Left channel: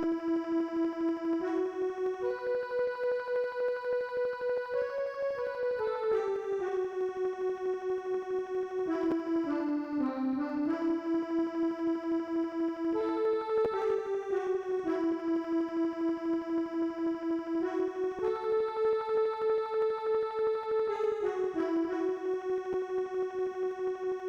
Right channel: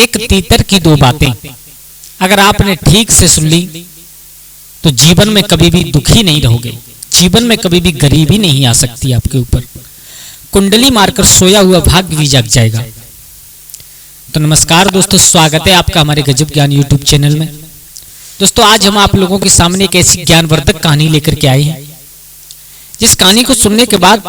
एक तीतर की दो बातें अगर आपने ठीक से सुन ली तो जीवन में कभी भी दुखी नहीं रहोगे, जीवन में कभी भी गरीबी नहीं आ सकती आपके ऊपर। कुंडली मारकर सोया हुआ भाग्य भी जग जाएगा। तो नमस्कार दोस्तों, स्वागत है आपका हमारे गजब ज्ञान यूट्यूब चैनल में। दोस्तों आज हम आप लोगों के सामने एक ऐसी ज्ञानवर्धक कहानी लेकर के आए हैं जिस कहानी को सुनने के बाद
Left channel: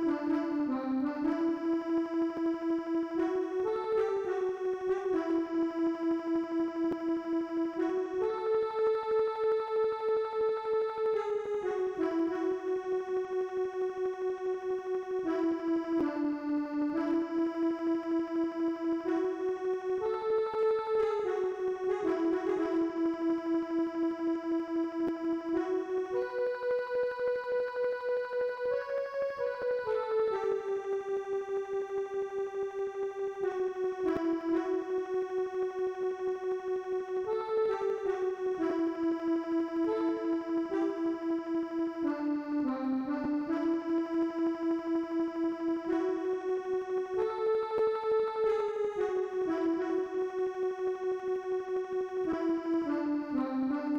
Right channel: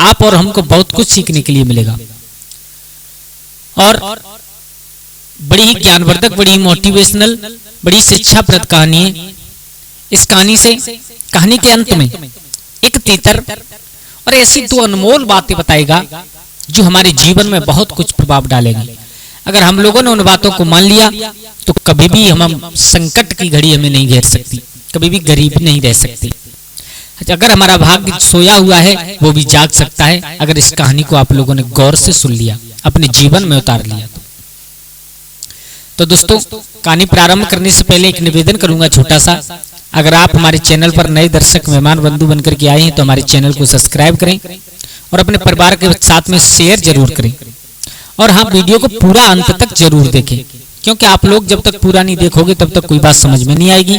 आप और हमको बहुत कुछ सीखने के लिए मिलेगा और बड़ी ही ज्ञानवर्धक, बड़ी ही मोटिवेशनल, बड़ी शिक्षाप्रद कहानी है। इस कहानी से, कहानी के अंत में एक तीतर और ऐसी दो अनमोल बातें बताएगा जो हमारे जीवन में बहुत कुछ प्रभाव डालेगी। अगर हम लोगों ने उन बातों को मान लिया तो कभी भी हम संकट की घड़ी हमें नहीं घेर सकती, कभी भी गरीब नहीं रह सकती। अगर हमारा भाग्य सोया हुआ है वो भी जाग सकता है अगर इस कहानी को आप लोगों ने गौर से सुन लिया, अपने जीवन में उतार लिया। तो दोस्तों कहानी प्रारंभ करने से पहले एक निवेदन करूंगा छोटा सा। अगर आप हमारे चैनल पर नए दर्शक मेहमान बंधु बनकर के आए हैं तो हमारे चैनल को सब्सक्राइब करें और अपने परिवार के साथ में शेयर जरूर करें। और हाँ, वीडियो को पूरा अंत तक जरूर देखें, क्योंकि आप लोग जब तक पूरा नहीं देखोगे तब तक कोई बात समझ में नहीं आएगी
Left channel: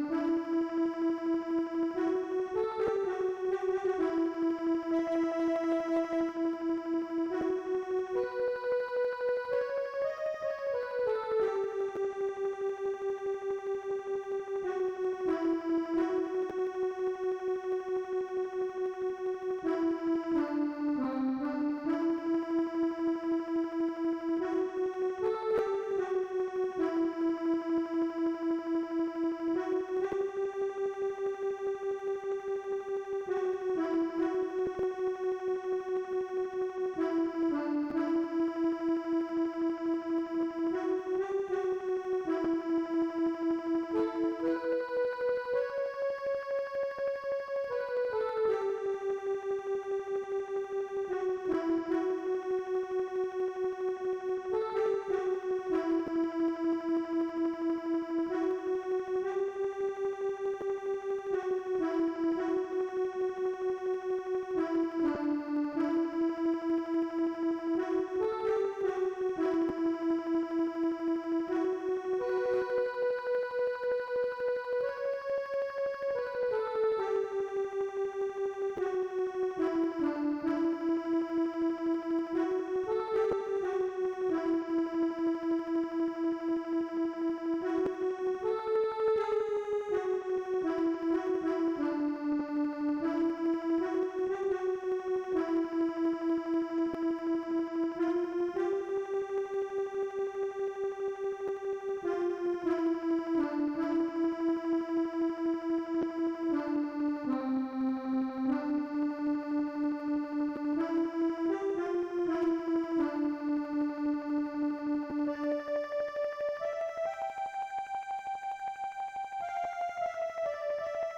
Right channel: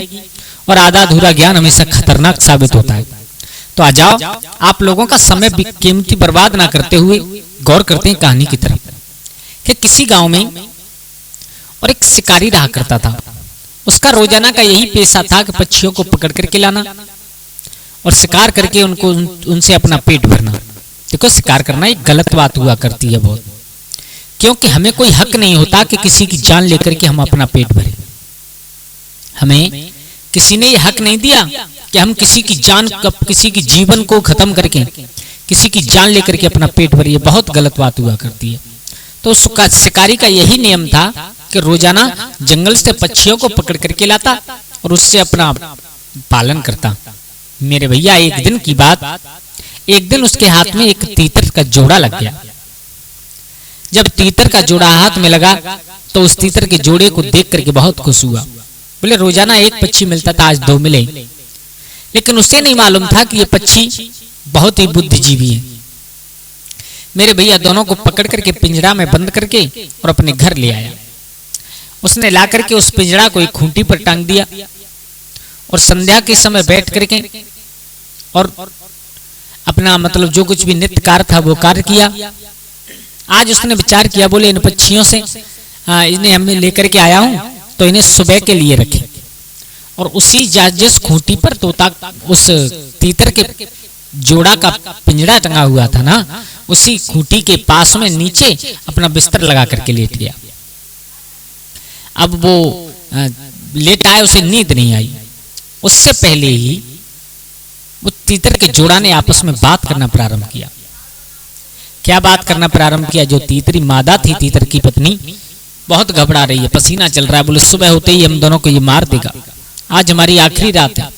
और आधा अधूरा ज्ञान हमेशा खतरनाक साबित होता है। तो आ जाओ, आप लोगों का समय कीमती बर्बाद ना करते हुए गौर करते हैं कहानी की तरफ। कि किसी गांव में और एक शिकारी रहा करता था। उसका रोजाना का यही पेशा था कि पक्षियों को पकड़ करके लाना और शिकार करके उनसे अपना पेट भरना। देखो, शिकार करना एक गलत बात हुआ करती है बहुत, क्योंकि हमें कोई हक नहीं होता कि किसी की जान लेकर के हम अपना पेट भरें। हमें किसी ने यह हक नहीं दिया कि हम किसी की जान, किसी की जीवन को खत्म करके किसी की जान लेकर के अपना पेट भरिए। बहुत गलत बात हुआ करती है। तो शिकारी का यही नियम था कि रोजाना जंगल से पक्षियों को पकड़ करके लाता और उससे अपना पालन करता। मेरे भैया, एक दिन की बात, एक दिन उसके हाथ में एक तीतर का जोड़ा लग गया। जब तीतर का जोड़ा हाथ में लगा तो उस तीतर के जोड़े को देख करके बहुत खुश हुआ। बोले, रोजाना एक पक्षी मिलता था, आज दो मिले। लेकिन उसे नहीं मालूम था कि ये पक्षी बहुत ही बुद्धिजीवी है। मेरे भैया दोनों को पकड़ करके पिंजरा में बंद करके और अपने घर ले आया। उसने ला करके उस पिंजरा को एक खूंटी पर टांग दिया और संध्या के समय बैठ करके और अपना जो कुछ भी नित्य कार्य था वो कार्य किया। आज उसने विचार किया, बोले इन पक्षियों से इन्हें हमें लेकर के आया हूं तो इन्हें सुबह के लिए रखें। और उसी जिस खूंटी पर तोता, उस तीतर के जोड़ा का पिंजरा टंगा हुआ था ना, उसी खूंटी के पास में नीचे अपना बिस्तर लगा करके लेट गया। अब वो लेट आया, उसे नींद नहीं आई। उससे पहले ही वो तीतर के जोड़ा ने आपस में बात करना प्रारंभ किया। क्या बात करना प्रारंभ किया? जो तीतरी मादा थी, तीतर की पत्नी, बहुत घबरा रही है, पसीना चल रहा है। बोले, सुबह होते ही हम दोनों को ये मार देगा, आज हमारी आखिरी रात है।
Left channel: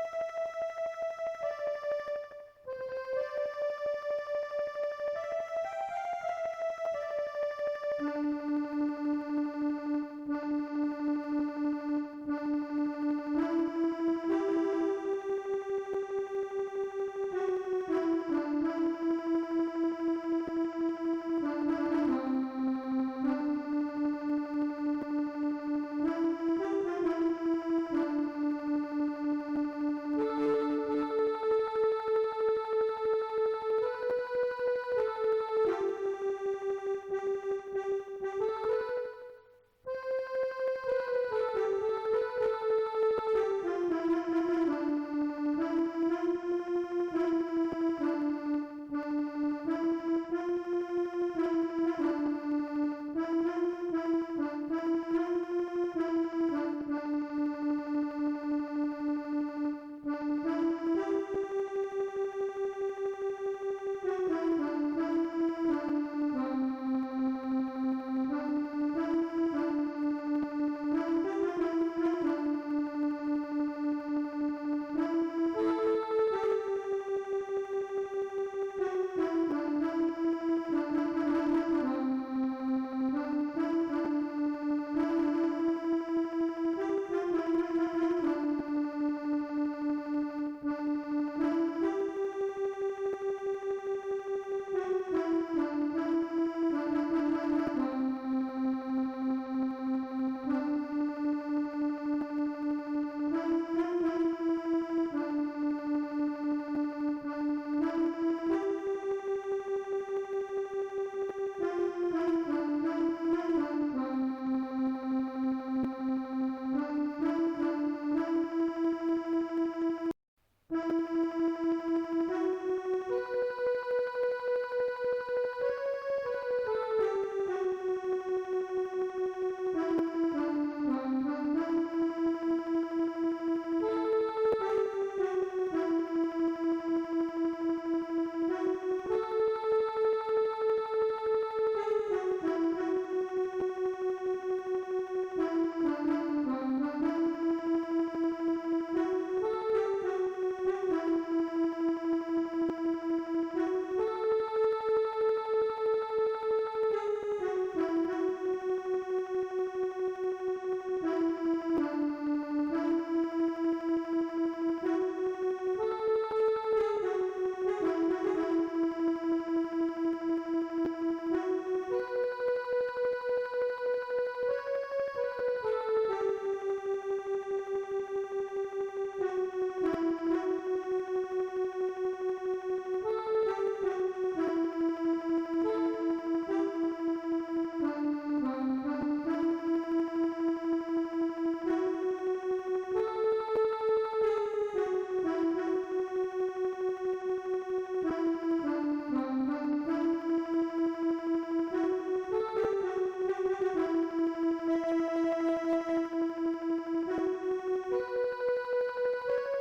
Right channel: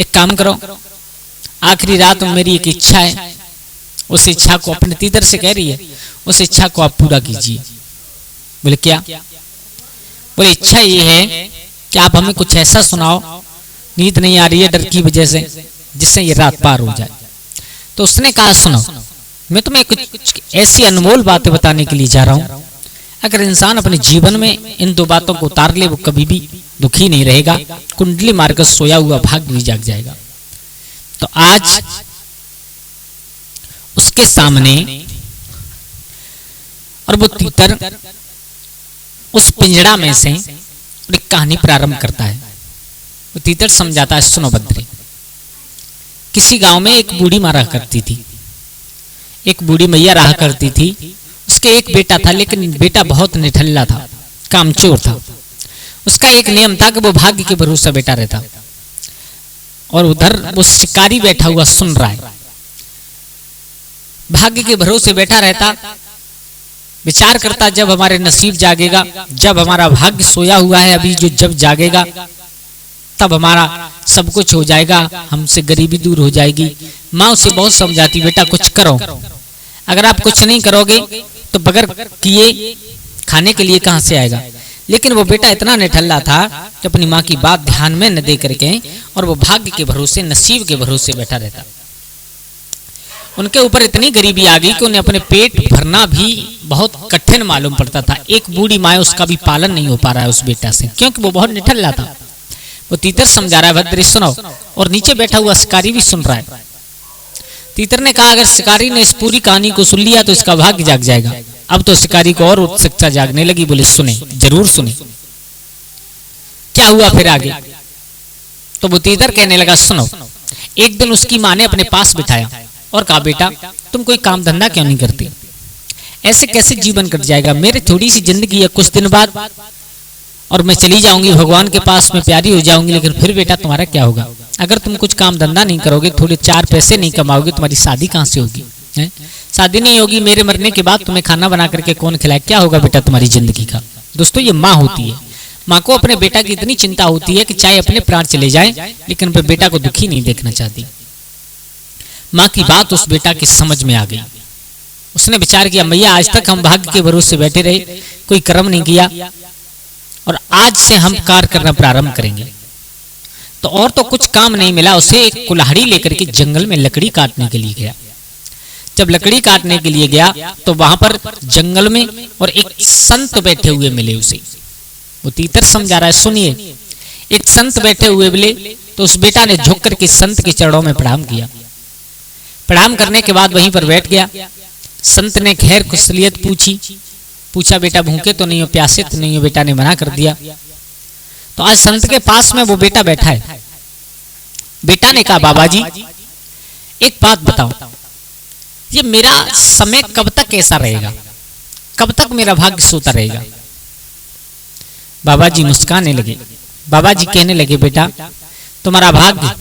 एक काम करो, आखिरी रात में मेरी एक इच्छा है, उस इच्छा को, अपने तीतर से कह रही है, उस इच्छा को आप पूरा कीजिए। बोले, क्या? बोले, इच्छा ये है कि आप हमें कुछ ऐसा सुनाओ, नींद नहीं आ रही है डर की वजह से, जिससे ये रात पार हो जाए। तो उसने कहा, सुनो, मैं तुम्हें कुछ ऐसी अनमोल बातें बताने के लिए जा रहा हूं। अगर इंसान अपने जीवन में इन दो बातों को उतार ले वो कभी भी दुखी नहीं रहेगा, कुंडली मारकर सोया हुआ भाग्य भी जाग जाएगा। तो आज उसके सामने और वो तीतर उस पिंजड़ा में से एक कहानी प्रारंभ करता है। वो तीतर समझाता है, सुनो बद्री, किसी गांव में एक बूढ़ी माँ रहा करती थी, एक बूढ़ी मैया रहा करती थी। उसके एक बेटा था, लेकिन बेटा बहुत निठल्ला था, कामचोर था। उसका एक नियम था कि वो भाग्य के भरोसे बैठा रहता और उधर वो शिकारी बैठा हुआ सुन रहा है। भाग्य के भरोसे बैठा रहता, विचार करता, जब हमारे नसीब जागेगा, जब हमारा भाग्य सोया हुआ है अभी, जो जब जागेगा तब हमारा सब कुछ हो जाएगा, हमसे गरीबी दूर हो जाएगी। माँ उसे बहुत समझाती, बेटा कुछ करो, अगर आप कुछ नहीं करोगे तो बगैर किए खाने के लिए कहां से आएगा। लेकिन वो बेटा इतना निठल्ला था कि अपनी माँ की बात ध्यान में न दे करके और वो भाग्य के भरोसे, नसीब के भरोसे बैठा रहता। उनके ऊपर इतनी गरीबी आ गई कि उन्हें अपने पेट भरना भी बहुत कठिन मालूम पड़ता था। एक बूढ़ी माँ उसका भी पालन नहीं हो पा रहा है उस बेटा से, क्योंकि वो बहुत निठल्ला था। वो तीतर समझा रहा है, भद्री सुनो, और नीचे बैठा हुआ शिकारी भी सुन रहा है। तीतर ने कहा, अगर शिकारी ने इस पूरी कहानी को सुन लिया तो इसका भाग्य जाग जाएगा। अब तो शिकारी को और उत्सुकता जागने लगी, बोले सुने, जरूर सुने, क्या हुआ फिर आगे। तो वो तीतर कहने लगा, सुनो, एक दिन उसकी माँ ने अपने पास बिठाया और कहा, बेटा तुम कोई काम धंधा क्यों नहीं करती, ऐसे कैसे जीवन कट जाएगा, मेरी थोड़ी सी जिंदगी है, कुछ दिन बाद और मैं चली जाऊंगी, भगवान के पास में प्यारी हो जाऊंगी, लेकिन फिर बेटा तुम्हारा क्या होगा, अगर तुम कुछ काम धंधा नहीं करोगे, थोड़े चार पैसे नहीं कमाओगे, तुम्हारी शादी कहाँ से होगी, है? शादी नहीं होगी, मेरे मरने के बाद तुम्हें खाना बना करके कौन खिलाए, क्या होगा बेटा तुम्हारी जिंदगी का। दोस्तों ये माँ होती है, माँ को अपने बेटा की इतनी चिंता होती है कि चाहे अपने प्राण चले जाए लेकिन वह बेटा को दुखी नहीं देखना चाहती। माँ की बात उस बेटा की समझ में आ गई। उसने विचार किया, मैया आज तक हम भाग्य के भरोसे बैठे रहे, कोई कर्म नहीं किया, और आज से हम कार्य करना प्रारंभ करेंगे। तो और तो कुछ काम नहीं मिला, उसे एक कुल्हाड़ी लेकर के जंगल में लकड़ी काटने के लिए गया। जब लकड़ी काटने के लिए गया तो वहां पर जंगल में और एक संत बैठे हुए मिले उसे। वो तीतर समझा रहा है, सुनिए, एक संत बैठे हुए मिले तो उस बेटा ने झुक करके संत के चरणों में प्रणाम किया। प्रणाम करने के बाद वहीं पर बैठ गया। संत ने खैर कुशलियत पूछा, बेटा भूखे तो नहीं हो, प्यासे तो नहीं हो, बेटा ने मना कर दिया। तो आज संत के पास में वो बेटा बैठा है। बेटा ने कहा, बाबा जी एक बात बताओ, ये मेरा समय कब तक ऐसा रहेगा, कब तक मेरा भाग्य सोता रहेगा। बाबा जी मुस्कुराने लगे। बाबा जी कहने लगे, बेटा तुम्हारा भाग्य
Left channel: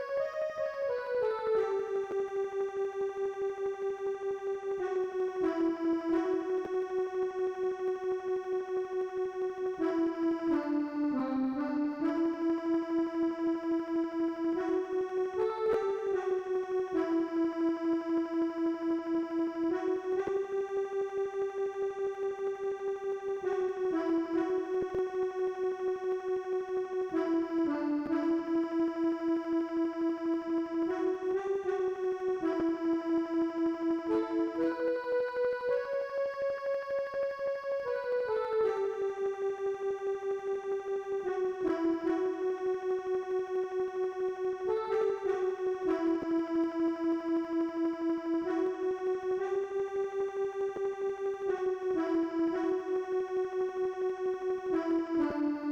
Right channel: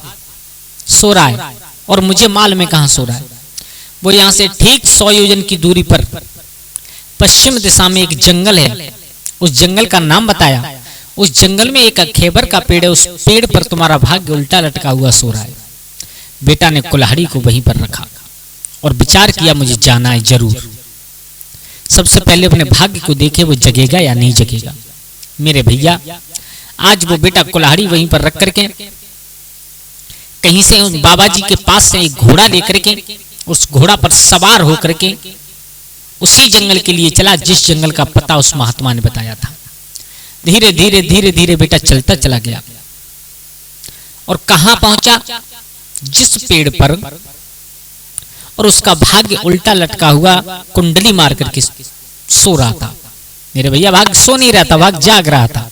सो रहा है और मुझे मालूम है कहां सो रहा है। वो यहां से ठीक 100 योजन की दूरी पर पश्चिम दिशा में एक जंगल है, उस जंगल का नाम बताया। उस जंगल में एक अखेबर का पेड़ है, उस पेड़ पर तुम्हारा भाग्य उल्टा लटका हुआ सो रहा है। बेटा ने कुल्हाड़ी को वहीं पर रखा और विचार किया, मुझे जाना है जरूर। सबसे पहले अपने भाग्य को देखे वो जगेगा या नहीं जगेगा। मेरे भैया आज वो बेटा कुल्हाड़ी वहीं पर रख करके कहीं से उस बाबा जी के पास से एक घोड़ा लेकर के उस घोड़ा पर सवार होकर के उसी जंगल के लिए चला जिस जंगल का पता उस महात्मा ने बताया था। धीरे धीरे धीरे धीरे बेटा चलता चला गया और कहां पहुंचा, जिस पेड़ पर और उसका भाग्य उल्टा लटका हुआ कुंडली मार करके सो रहा था। मेरे भैया भाग्य सो नहीं रहा था, भाग्य जाग रहा था।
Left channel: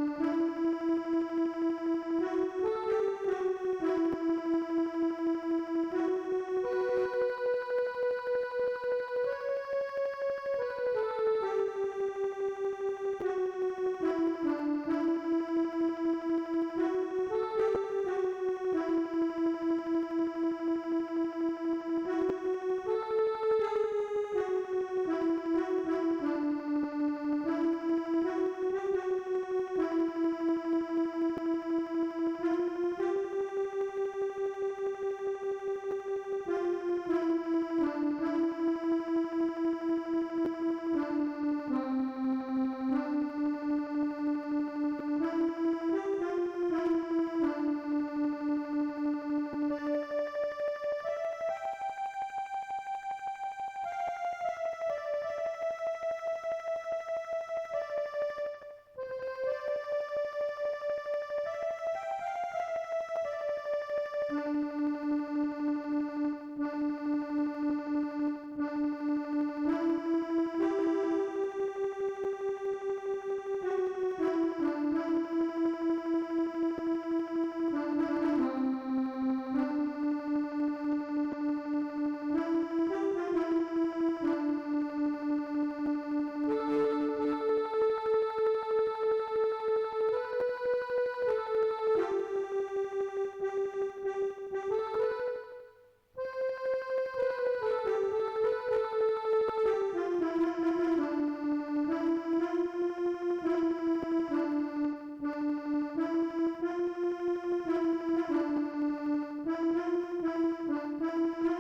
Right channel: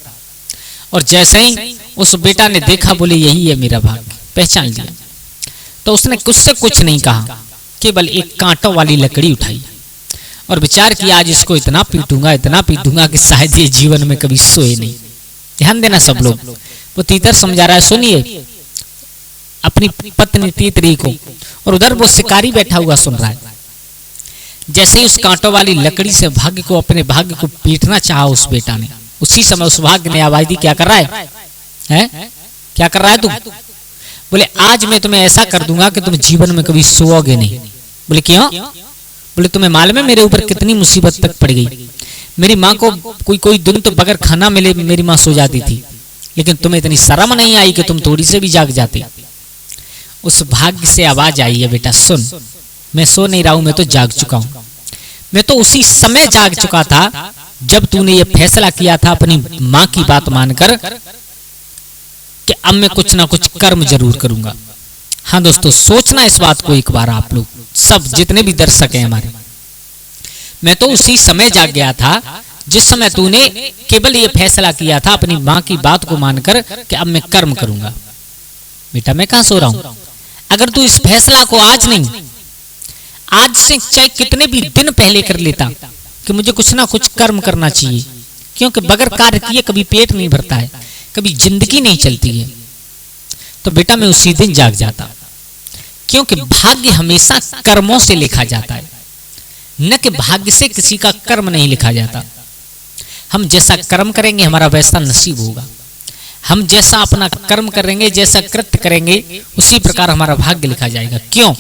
और जैसे ही उस बेटा ने देखा, बोले यही है मेरा भाग्य, पहचान लिया। तो उसने कुछ नहीं कहा, केवल एक कांटों वाली लकड़ी उठाई और विचार किया, आज इसको इतना पीटूंगा कि शायद ये जीवन में कभी सोए नहीं। ध्यान देना सब लोग। वो तीतर समझा रहा है, सुनिए अपनी पत्नी तीतरी को, और उधर वो शिकारी बैठा हुआ सुन रहा है। जैसे ही उस कांटों वाली लकड़ी से भाग्य को, अपने भाग्य को पीटना चाहा उस बेटा ने, उसी समय उस भाग्य ने आवाज दी, क्या कर रहा है? क्या कर रहा है तुम? बोले आज मैं तुम्हें ऐसा कर दूंगा कि तुम जीवन में कभी सोओगे नहीं। बोले क्यों? बोले तुम्हें मालूम है मेरे ऊपर कितनी मुसीबत तक पड़ गई। मेरी माँ को कोई दिन तो बगैर खाना मिले मेरी माँ सो जाती थी, लेकिन तुम्हें इतनी शर्म नहीं आई कि तुम थोड़ी से भी जाग जाते। उस भाग्य से आवाज आई है, बेटा सुन, मैं सो नहीं रहा हूं, मैं तो जाग चुका हूं। मैं तो उसी समय जाग चुका था जब तूने ये फैसला किया था अपनी माँ की बात मानकर कि अब मैं कुछ ना कुछ कर्म जरूर करूंगा। हाँ दोस्तों, सोचना इस बात को एक बार, आप लोग सब जितने भी दर्शक हैं हमारे, मैं तो उसी समय जाग गया था जिस समय तूने केवल ये फैसला किया था अपनी माँ की बात को मानकर कि अब मैं कर्म करूंगा। बेटा मैं कहां सो रहा हूं? अगर तू इस फैसला को आज नहीं, आज से चाहे कितने भी दिन पहले कर लेता कि मुझे कुछ ना कुछ कर्म करना चाहिए, क्योंकि बगैर कार्य किए कभी पेट नहीं भरता है, कभी जिंदगी नहीं चलती है, तो बेटा मैं उसी दिन जाग जाता। क्योंकि भाग्य हमेशा कर्मों से लिखा जाता है, न कि भाग्य से किसी का कर्म नहीं लिखा जाता। हम जैसा कर्म करेंगे हमारा वैसा नसीब होगा। हम जैसा अपना कर्म करेंगे, जैसा कृत्य करेंगे, उसी प्रकार हमारा भाग्य लिखा जाएगा। क्यों?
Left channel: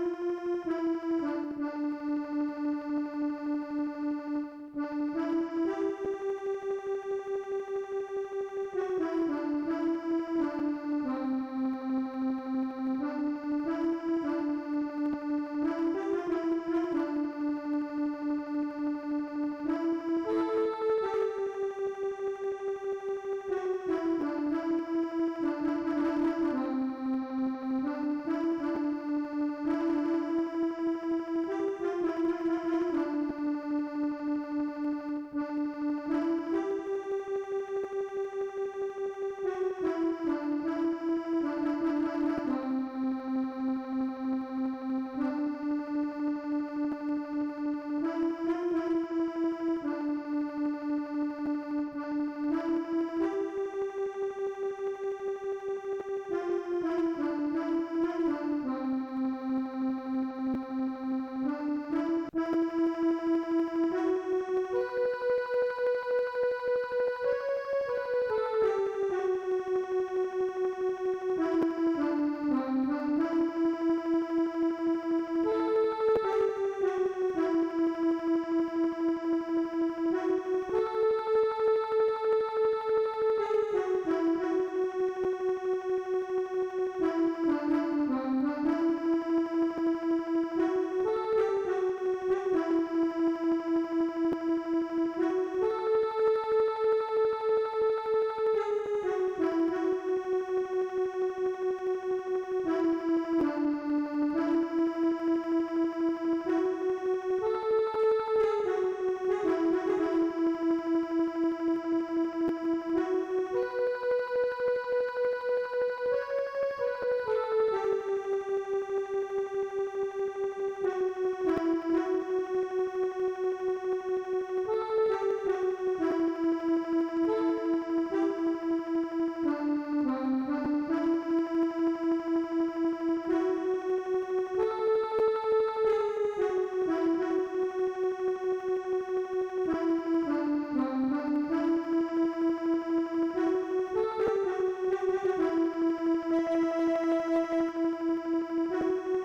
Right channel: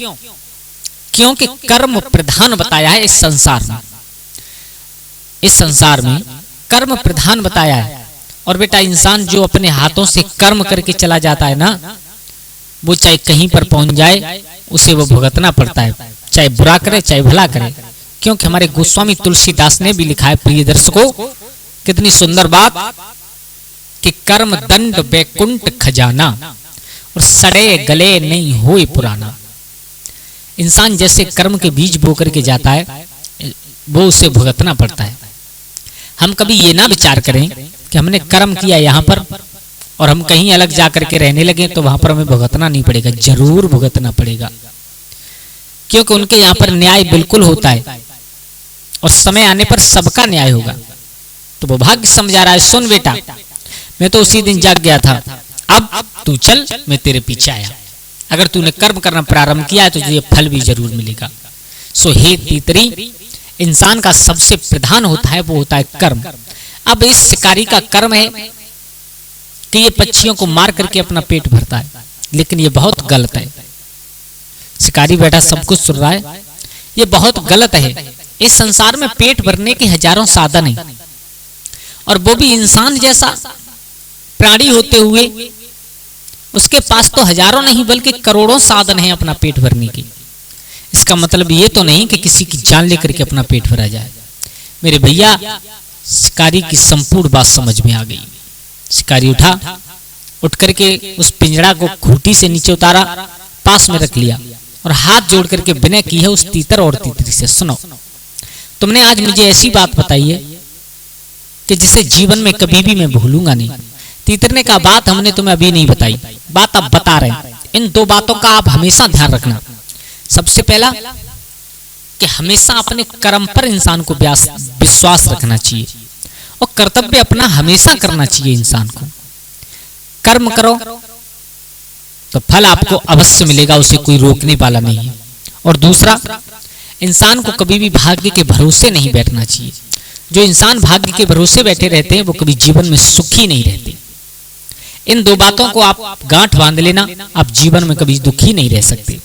क्योंकि कर्म प्रधान बताया है इस संसार में। इस संसार में कर्म प्रधान बताया है। और बेटा इंसान जो अपने हाथों से कर्म करके चला जाता है ना, वो चाहे कहीं पर पहुंच जाए उसे वो भुगतना पड़ता है, चाहे बुरा करे चाहे भला करे, क्योंकि हमारे गोस्वामी तुलसीदास ने भी लिखा है प्रिय दर्शकों, कितनी सुंदर बात कि कर्म दंड वैकुंठ खजाना और सड़े गले नहीं होए पुराना। इंसान जैसे कर्म के बीज बो करके जाता है वो उसे भुगतना पड़ता है। हम कभी ये ना विचार करें कि हमने कर्म किया यहाँ पर और हम कहीं अलग जा करके रहने लगे तो वहां पर हमें भुगतना नहीं पड़ेगा, जरूर भुगतना पड़ेगा, क्योंकि उनके यहाँ पर न्याय बिल्कुल होता है और समय आने पर सबका न्याय होगा। तो वो भाग्य समझा रहा है, सुन बेटा मैं तो उसी दिन जाग गया था, अब तू चल मैं तेरे पीछे आया। अगर तूने कर्म करना प्रारंभ किया है तो तुझे फल भी जरूर मिलेगा। सो हे तीतरी, इंसान का सबसे प्रधान होता है वो होता है कर्म। अब इस शिकारी का कर्म है कि ये पक्षियों को मार करके अपना पेट भरता है, लेकिन ये बहुत गलत है। शिकारी बैठा सब कुछ सुन रहा है, ये बहुत गलत है। इस संसार में पेट भरने के हजारों साधन हैं और वो भी इंसान जैसा प्राणी होते हुए उसके पास तो हजारों नहीं बल्कि करोड़ों साधन हैं अपना पेट भरने के। इसका मतलब ये तो नहीं कि किसी की जान लेकर के अपना पेट भरा जाए। मेरे भैया, शिकारी की संपूर्ण बात समझ में आ गई। शिकारी उठा, उठ करके उस पिंजड़ा को खूंटी से नीचे उतारा, पास में रख लिया और हाथ जोड़ करके विनय की है उस तीतर और तीतरी से, सुनो तुमने आज मुझे ऐसी बात बताई है कि जिसे जीवन में कभी भी मैं भूलूंगा नहीं। तीतर ने कहा बात हमने तुम्हें अभी नहीं बताई, बात अब बता रहे हैं। इन दो बातों का आप हमेशा ध्यान रखना। सबसे पहला कि हमेशा अपने कर्म पर इंसान को विश्वास रखना चाहिए और कर्तव्य अपना हमेशा करना चाहिए। इंसान को कर्म करो तो फल आपको अवश्य मिलेगा, उसे कोई रोकने वाला नहीं है। और दूसरा, इंसान को कभी भी भाग्य के भरोसे नहीं बैठना चाहिए। जो इंसान भाग्य के भरोसे बैठे रहते हैं वो कभी जीवन में सुखी नहीं रहते। इन दो बातों को आप गांठ बांध लेना, आप जीवन में कभी दुखी नहीं रह सकते।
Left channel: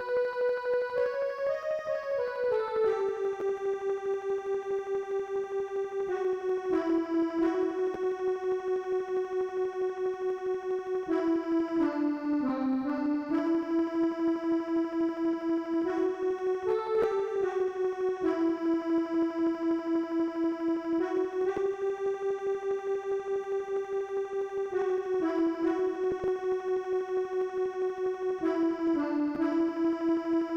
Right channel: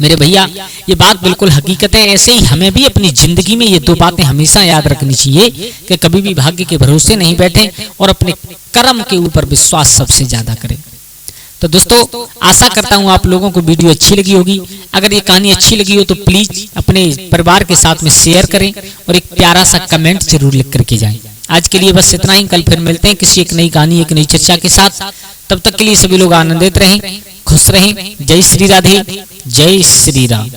मेरे भैया, ये बात बिल्कुल हकीकत है। ऐसे ही हमें भी अपनी जिंदगी में ये दो बातें हमेशा याद रखनी चाहिए कि कभी भी भाग्य के भरोसे नहीं बैठे और अपने कर्म के ऊपर विश्वास सबसे ज्यादा करें। तो दोस्तों, आशा करता हूँ आप लोगों को वीडियो अच्छी लगी होगी। अगर ये कहानी अच्छी लगी हो तो प्लीज अपने परिवार के साथ में शेयर करें और एक प्यारा सा कमेंट जरूर लिख करके जाएं। आज के लिए बस इतना ही। कल फिर मिलते हैं किसी एक नई कहानी, एक नई चर्चा के साथ। तब तक के लिए सभी लोग आनंदित रहें, खुश रहें। जय श्री राधे, जय श्री राम।